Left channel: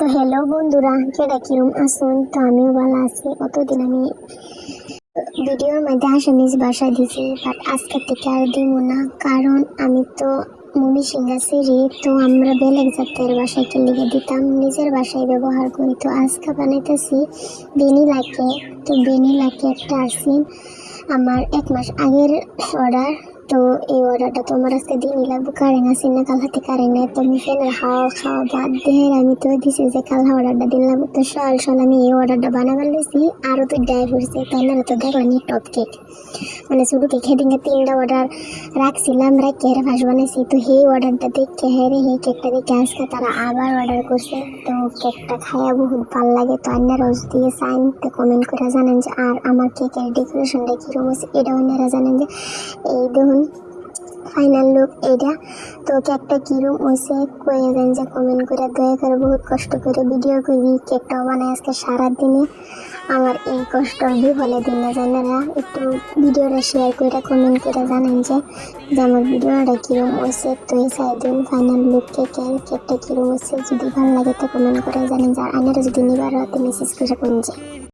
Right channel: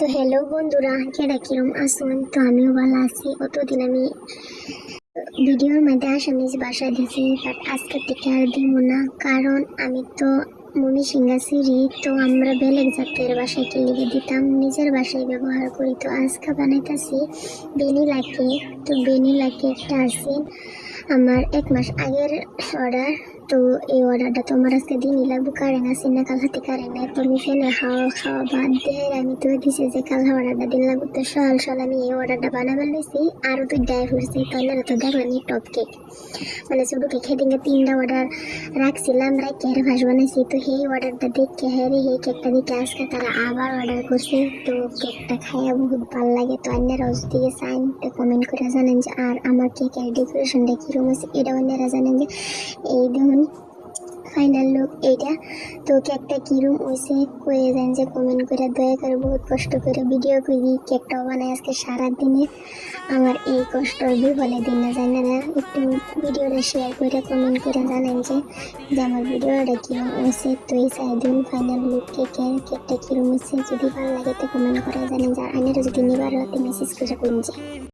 তো হ্যালো বন্ধুরা, কেডা কিরম আসুন? তো আমিও ভালো আছি। কতদিন আমি ভিডিওর মধ্যে আসামিজ ভাষা দিছি, বাট আজকে থেকে আর দিব না, কারণ আমি তো মুভি সিঙ্গাছি রে। তো আমরা বেলেগ জাতের ভাষায় কি লিখে দিতাম, নিজের ভাষায় ব্যবহার করি। তো আজকে বানাইতেছি ভ্যানিলা কেক। তো ভ্যানিলা কেকটা আসি আমার 1 মাস আগের অর্ডার। তো এই অর্ডারটা তো আমার আজকে দিনই লাগবো, কারেন্ট আসি না, কাল হাতে কারেন্ট নেই। তো আমি ফ্যানের হাওয়া খাওয়া বাদ দিয়ে আমি তো দিছি যে কাল অর্ডারটা দিন লাগবো। তো সকাল আমি এই অর্ডারটা বানাবার লইছি, আরও তো ডাই হয়েছে। তাহলে তো দেখলাম টপ কেক, মানে শুধু কেক হেদিনকে 3টা অর্ডার রাখছিলাম, রাখি হেরে ফাঁস বানাইছি। তো সেই অর্ডারটা দেখে হেরে সেই কেকটা দেখে আজকে তারা আবার অর্ডার করছে। তো কেকটা খাইয়া বহুত ভালো লাগে। তো আপনারাও যদি চাইন তো কমেন্ট করে জানেন যে আর আমার কেকের ডেকোরেশনটা কীরকম হয়েছে, এটা আপনারা জানেন যে এই দেখুন ফাইনাল লুক এইটা। তো কেকটা কিরম হয়েছে কয়ে দেন যে কমেন্ট করে, দয়া করে। বহুত কষ্ট করে ভিডিও করি, কেকটাও বানাই আজকে সারাদিনে। আমার এই কষ্টর বিফলে দিন না জানেন না, একটু ভিডিওটা শেয়ার করে কমেন্ট করে জানেন যে আমার ভিডিওটা কিরম হয়েছে। তো এই সাইডুল ফাইনাল লুক কেকটা কিরম হয়েছে, যদি ভালো লাগে তো কমেন্ট করে জানেন যে আনারা যদি নিবার রাতে মেসেজ করে কোন যে